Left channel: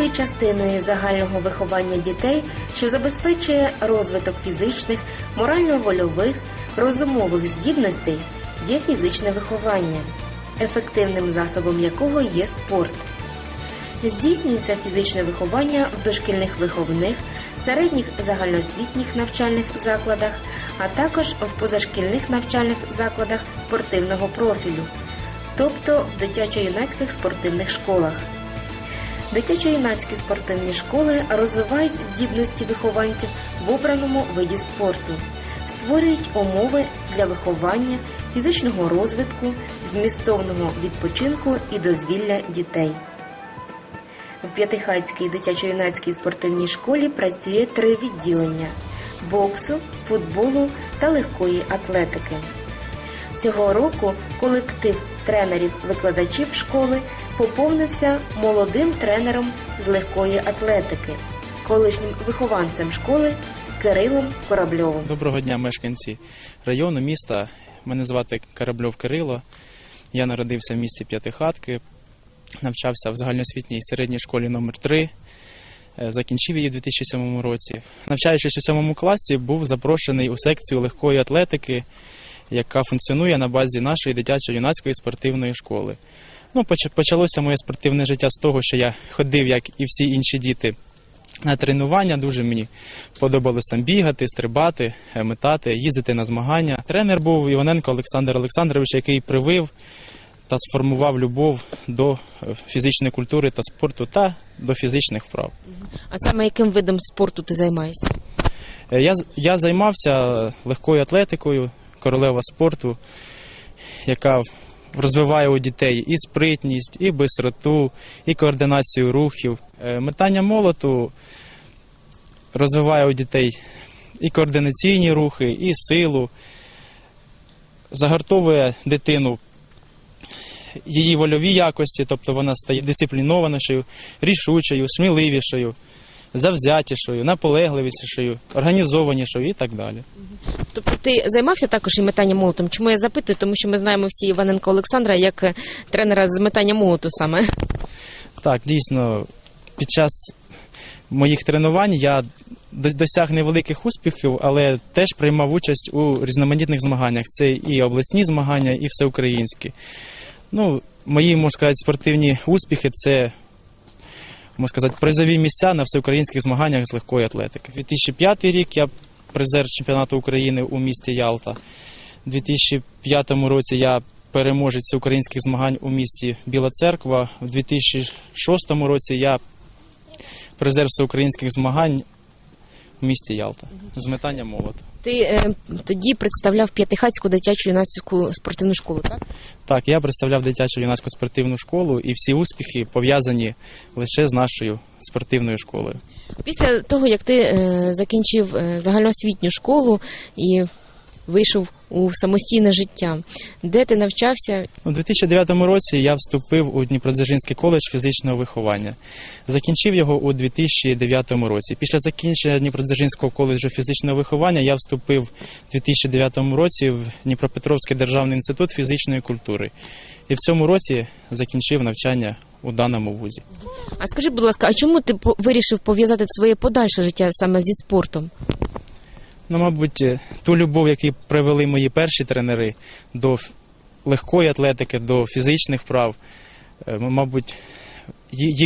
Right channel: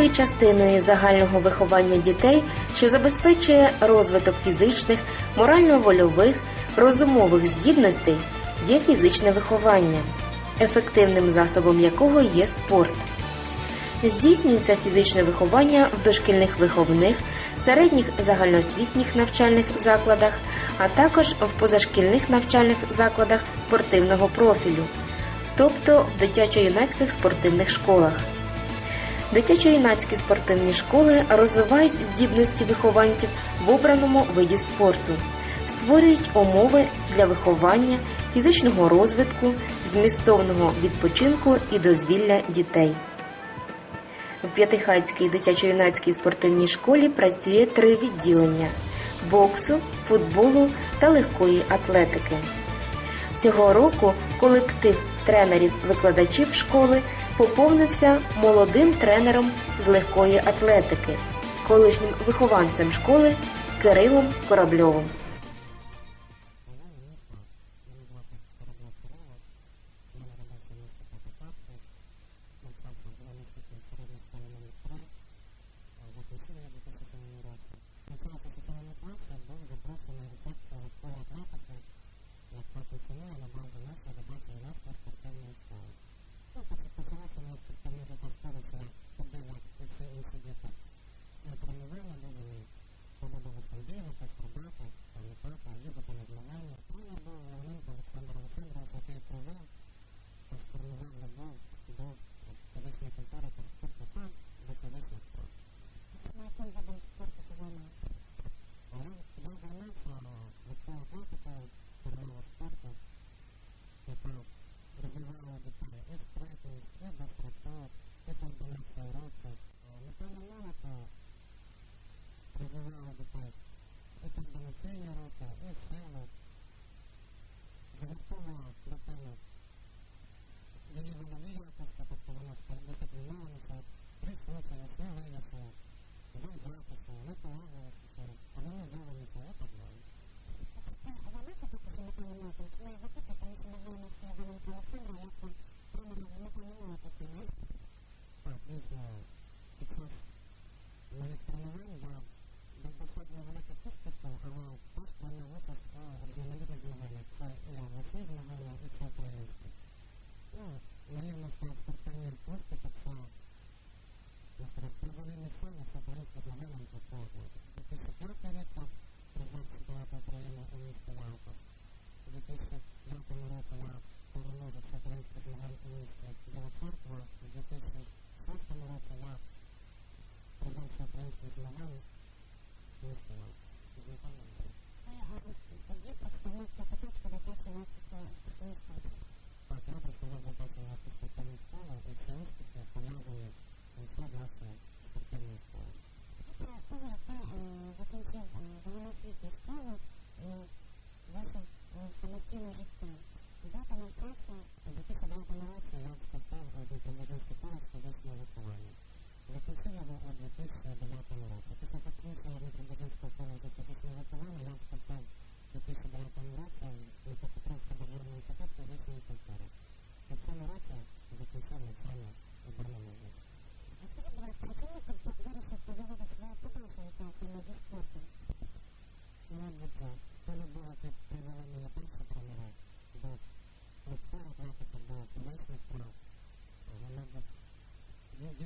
важливою частиною загального виховання дітей, що забезпечує розвиток фізичних, морально-вольових, розумових здібностей, є фізичне виховання, ефективним засобом якого є спорт. Здійснюється фізичне виховання в дошкільних виховних, середніх загальноосвітніх навчальних закладах, а також в позашкільних навчальних закладах спортивного профілю, тобто в дитячо-юнацьких спортивних школах. Дитячо-юнацькі спортивні школи розвивають здібності вихованців в обраному виді спорту, створюють умови для виховання, фізичного розвитку, змістовного відпочинку і дозвілля дітей. В П'ятихатській дитячо-юнацькій спортивній школі працює три відділення боксу, футболу та легкої атлетики. Цього року колектив тренерів-викладачів школи поповнився молодим тренером з легкої атлетики, колишнім вихованцем школи Кирилом Корабльовим. Доброго дня, мешканці району, міста. Мене звати Корабльов Кирило. Я народився в місті П'ятихатки, навчався в загальноосвітній середній школі номер 3 закінчив її у 2007 році. Навчаючись у цьому класі, був запрошений у секцію легкої атлетики, яка функціонує на базі нашої дитячо-юнацької спортивної школи. Ну, поч- почалося моє спортивне життя з того, що я ходив, як і всі інші діти, на тренування. Дуже мені подобалось там бігати, стрибати, е, метати, їздити на змагання. Тренер був Іваненко Олександр Олександрович, який привив та сформував любов до е, фізичної культури та спорту та до фізичних вправ. А саме яким видом спорту ти займаєшся? Е, Я, я займався легкою атлетикою, королева спорту, яка розвиває у дітей і спритність, і бистроту, і координацію рухів. Е, Метання молоту розвиває у дітей і координаційні рухи, і силу, загартовує дитину її вольові якості, тобто вона стає дисциплінованішою, рішучою, сміливішою, завзятішою, наполегливішою, організованішою і так далі. Тобто ти займався також і метанням молотом? Чому я запитую? Тому що ми знаємо всі Іваненко Олександра як е, тренера з метання молоту саме. Так, дійсно, під час моїх тренувань я досяг невеликих успіхів, але теж приймав участь у різноманітних змаганнях. Це і обласні змагання, і всеукраїнські. Ну, мої, можна сказати, спортивні успіхи це. Можна сказати, призові місця на всеукраїнських змаганнях з легкої атлетики. 2005 рік я призер чемпіонату України у місті Ялта. У 2005 році я переможець всеукраїнських змагань у місті Біла Церква. У 2006 році я призер всеукраїнських змагань у місті Ялта з метання молоту. Ти е, тоді представляв П'ятихатську дитячу юнацьку спортивну школу, так? Так, я представляв дитячу юнацьку спортивну школу, і всі успіхи пов'язані лише з нашою спортивною школою. Після того, як ти е, закінчив е, загальноосвітню школу і вийшов у самостійне життя, де ти навчався? У 2009 році я вступив у Дніпродзержинський коледж фізичного виховання. Закінчив його у 2009 році. Після закінчення Дніпродзержинського коледжу фізичного виховання я вступив у 2009 році в Дніпропетровський державний інститут фізичної культури. І в цьому році закінчив навчання у даному вузі. А скажи, будь ласка, а чому ти вирішив пов'язати своє подальше життя саме зі спортом? Ну, мабуть, е, ту любов, яку привели мої перші тренери до легкої атлетики, до фізичних вправ, е, мабуть,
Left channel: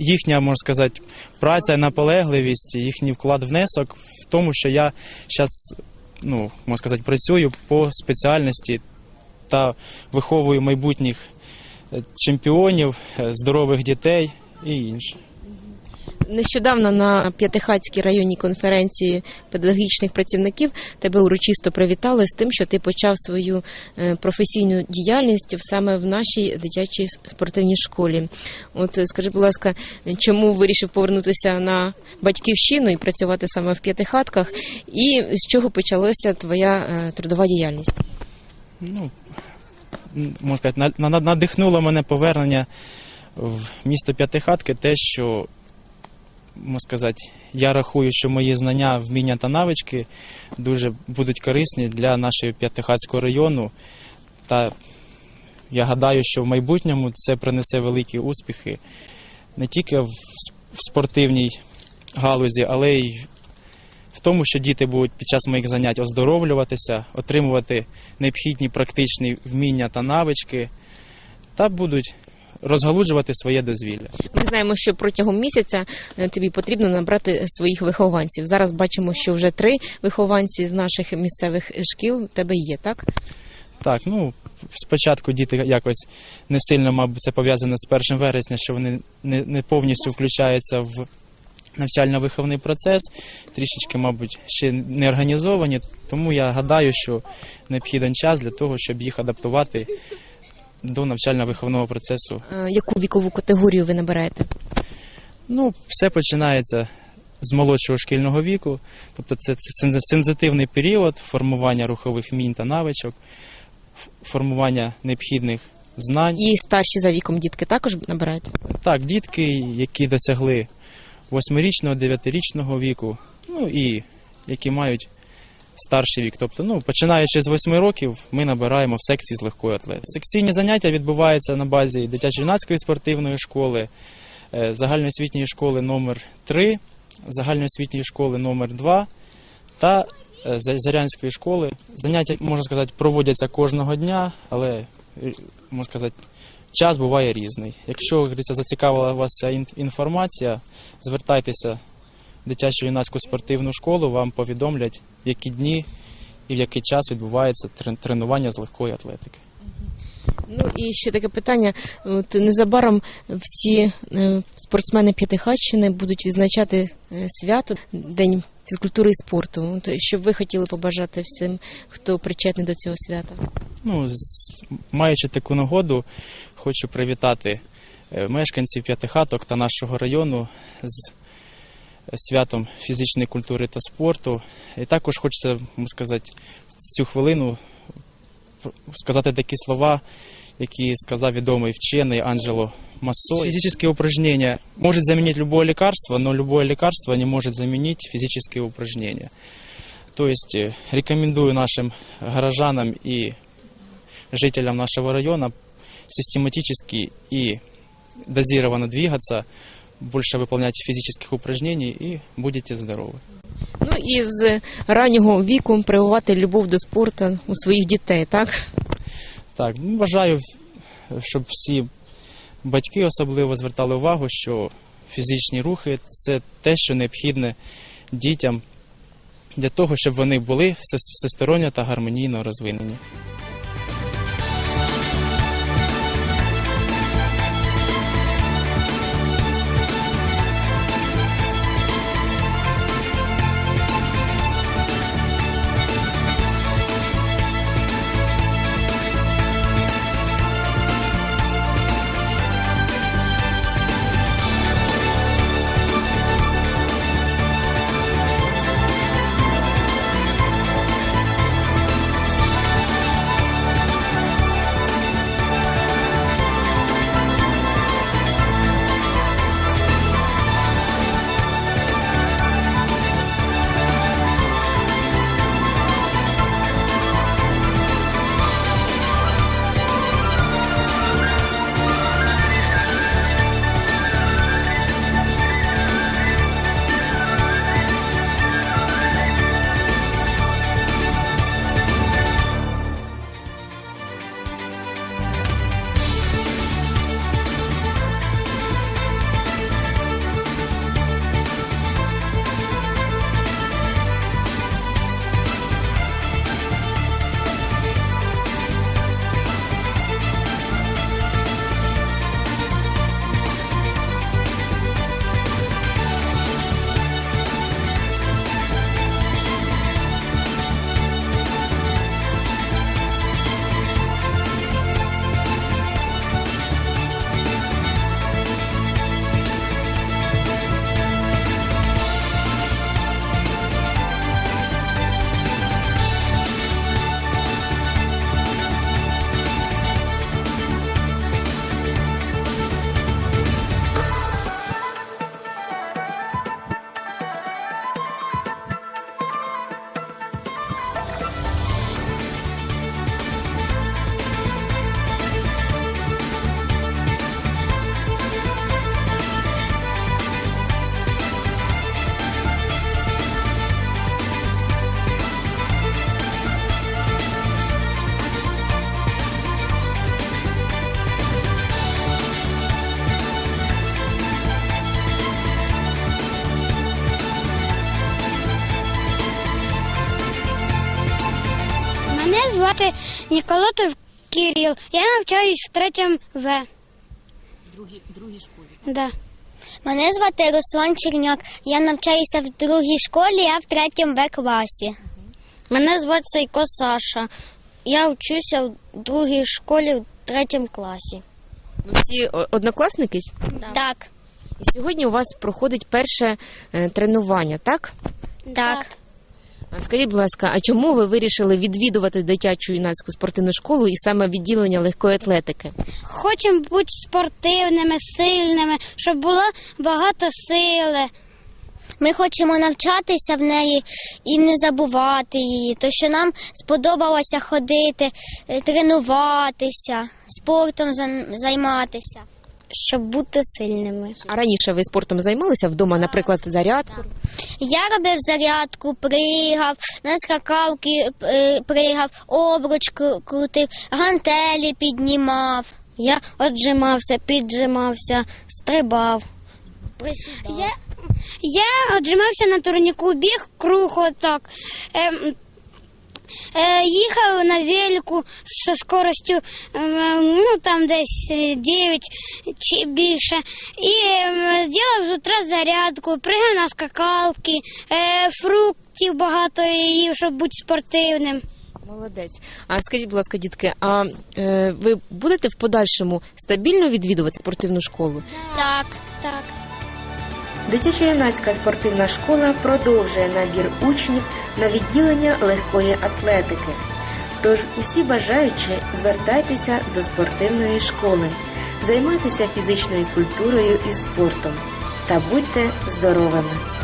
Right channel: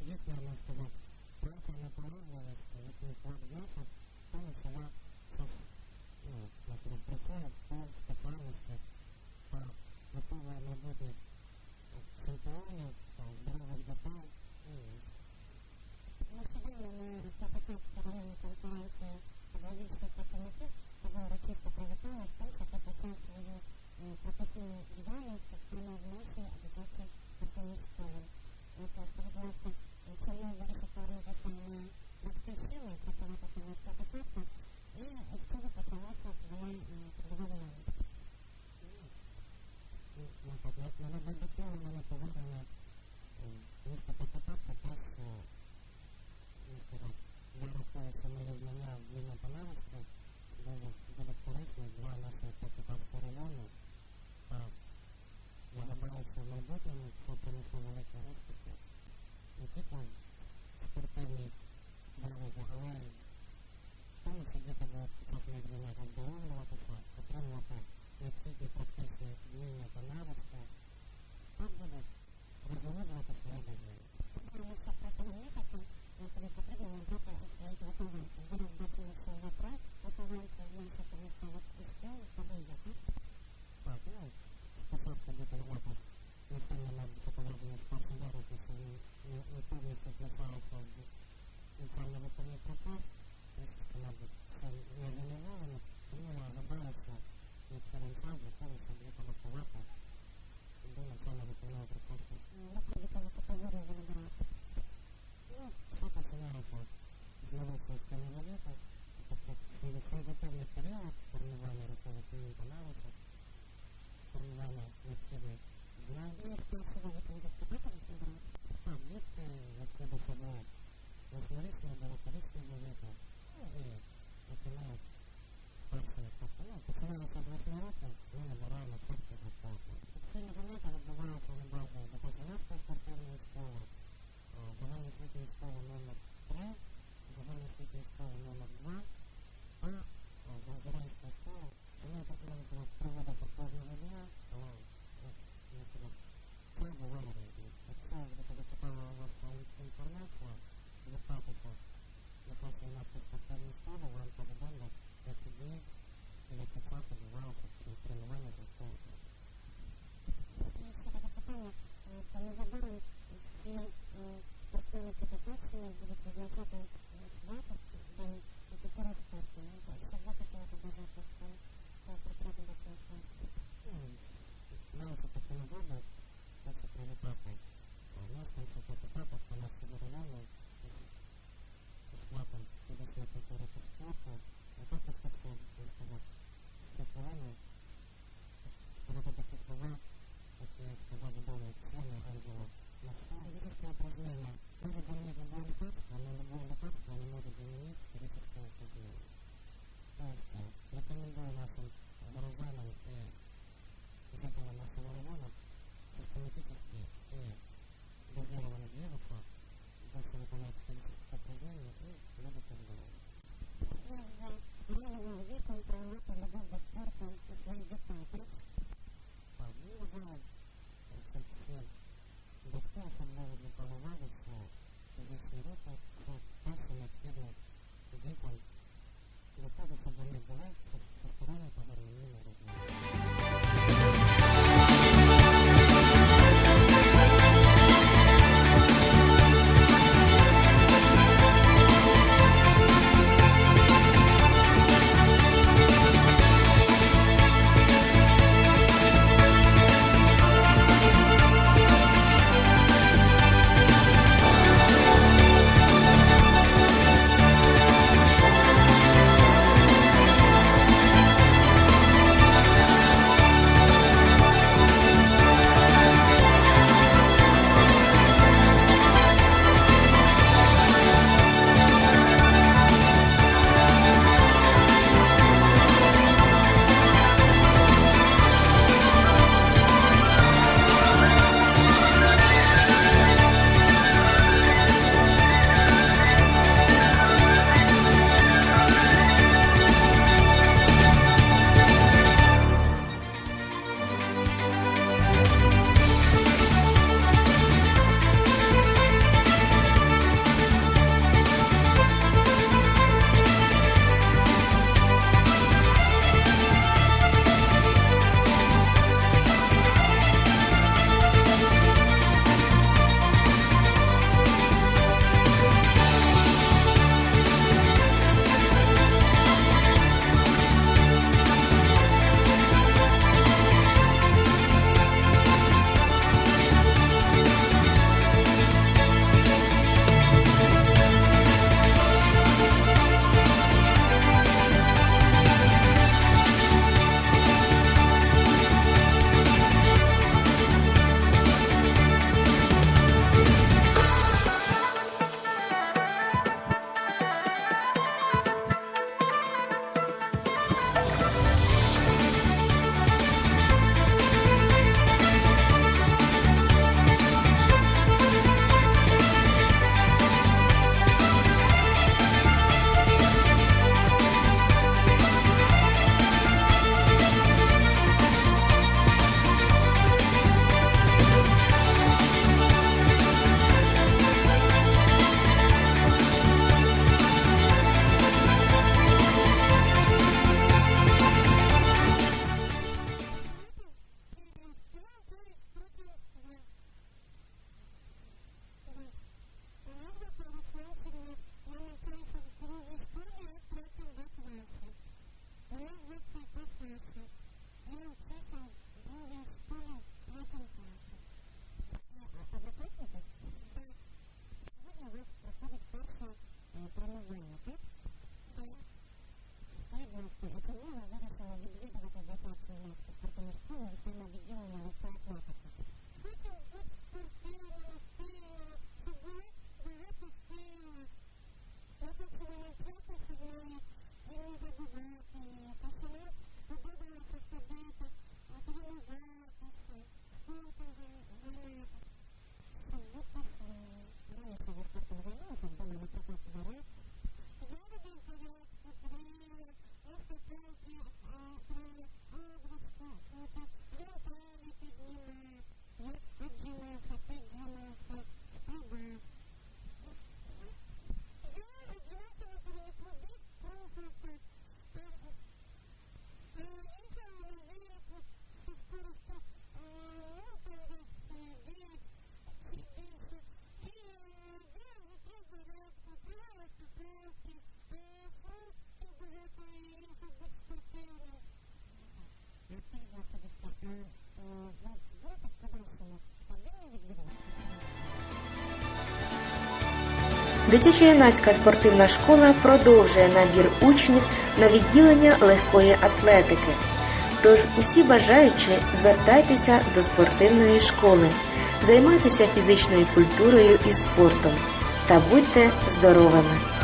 їхня, можна сказати, праця, наполегливість, їхній вклад внесок в тому, що я зараз, ну, можна сказати, працюю по спеціальності та виховую майбутніх е, чемпіонів, здорових дітей і інше. Нещодавно на П'ятихатській районній конференції педагогічних працівників тебе урочисто привітали з тим, що ти почав свою е, професійну діяльність саме в нашій дитячій спортивній школі. От скажи, будь ласка, чому вирішив повернутися на батьківщину і працювати саме в п'ятихатках, і з чого почалася твоя е, трудова діяльність? ну, можна сказати, на- на- надихнуло мене повернення в місто П'ятихатки те, що, можна сказати, я рахую, що мої знання, вміння та навички дуже будуть корисні для нашого П'ятихатського району. Та я гадаю, що в майбутньому це принесе великі успіхи не тільки в, спортивній галузі, але й в тому, що діти будуть під час моїх занять оздоровлюватися, отримувати необхідні практичні вміння та навички, та будуть розгалуджувати своє дозвілля. Ми знаємо, що протягом місяця е, тобі потрібно набрати своїх вихованців. Зараз бачимо, що вже три вихованці з наших місцевих шкіл в тебе є, так? Так, ну спочатку діти якось не сильно, мабуть, це пов'язано з 1 вересня, що вони не, не повністю включаються в навчально-виховний процес, трішечки, мабуть, ще не організовані. Тому я гадаю, що необхіден час для того, щоб їх адаптувати до навчально-виховного процесу. Е, Яку вікову категорію ви набираєте? Ну, все починається з молодшого шкільного віку, тобто це, це сензитивний період формування рухових вмінь та навичок, формування необхідних знань. І старші за віком дітки також набираєте? Так, дітки, які досягли 8-річного, 9-річного віку, ну і які мають старший вік. Тобто, ну, починаючи з 8 років, ми набираємо в секції з легкої атлетики. Секційні заняття відбуваються на базі дитячо-юнацької спортивної школи, е, загальноосвітньої школи номер 3 загальноосвітньої школи номер 2 та е, Зарянської школи. Заняття, можна сказати, проводяться кожного дня, але, е, можна сказати, час буває різний. Якщо зацікавила вас ця інформація, звертайтеся дитячу юнацьку спортивну школу, вам повідомлять, які дні і в який час відбувається тренування з легкої атлетики. Ну і ще таке питання. От незабаром всі е, спортсмени П'ятихатщини будуть відзначати е, свято День фізкультури і спорту. От, що б ви хотіли побажати всім, хто причетний до цього свята? Ну, маючи таку нагоду, хочу привітати е, мешканців п'ятихаток та нашого району з святом фізичної культури та спорту. І також хочеться сказати, в цю хвилину сказати такі слова, які сказав відомий вчений Анджело Массо. Физические упражнения может заменить любое лекарство, но любое лекарство не может заменить физические упражнения. То есть э, рекомендую нашим горожанам и жителям нашего района систематически и дозированно двигаться, больше выполнять физических упражнений и будете здоровы. Ну і з раннього віку прививати любов до спорту у своїх дітей, так? Так, ну, бажаю, щоб всі батьки особливо звертали увагу, що фізичні рухи це те, що необхідне дітям для того, щоб вони були всесторонньо та гармонійно розвинені. Навчаюсь в третьому В. Другій, другій школі? Да. Мене звати Руслан Черняк. Я навчаюся в другій школі, я в третьому Б класі. Мене звати Сайко Саша. Я вчуся в другій школі в третьому класі. Ви всі о- однокласники? Так, І сьогодні у вас проходить перше е, тренування, так? так. Скажіть, будь ласка, а чому ви вирішили відвідувати дитячу юнацьку спортивну школу і саме відділення легкої атлетики? Хочемо бути спортивними, сильними, щоб було багато сили. Ми хочемо навчатися в неї і не забувати її, то що нам сподобалося ходити, е, тренуватися, спортом займатися. Щоб бути сильними. А раніше ви спортом займалися вдома, наприклад, зарядку? Я робив зарядку, пригав, на скакалки е, пригав, обруч крутив, гантелі піднімав. Я отжимався, піджимався, стрибав. Я, я отжимався на турніку, біг круг отак. Ем, їхав на велику зі скоростю ем, ну, там десь е, 9 чи більше. І ем, робив з утра зарядку, пригав на скакалки, е, фруктів багато їв, щоб бути спортивним. Молодець. А скажіть, будь ласка, дітки, а е, ви будете в подальшому стабільно відвідувати спортивну школу? Так, так. Дитячо-юнацька спортивна школа продовжує набір учнів на відділення легкої атлетики. Тож усі бажаючі звертайтеся до спортивної школи, займайтеся фізичною культурою і спортом та будьте здоровими!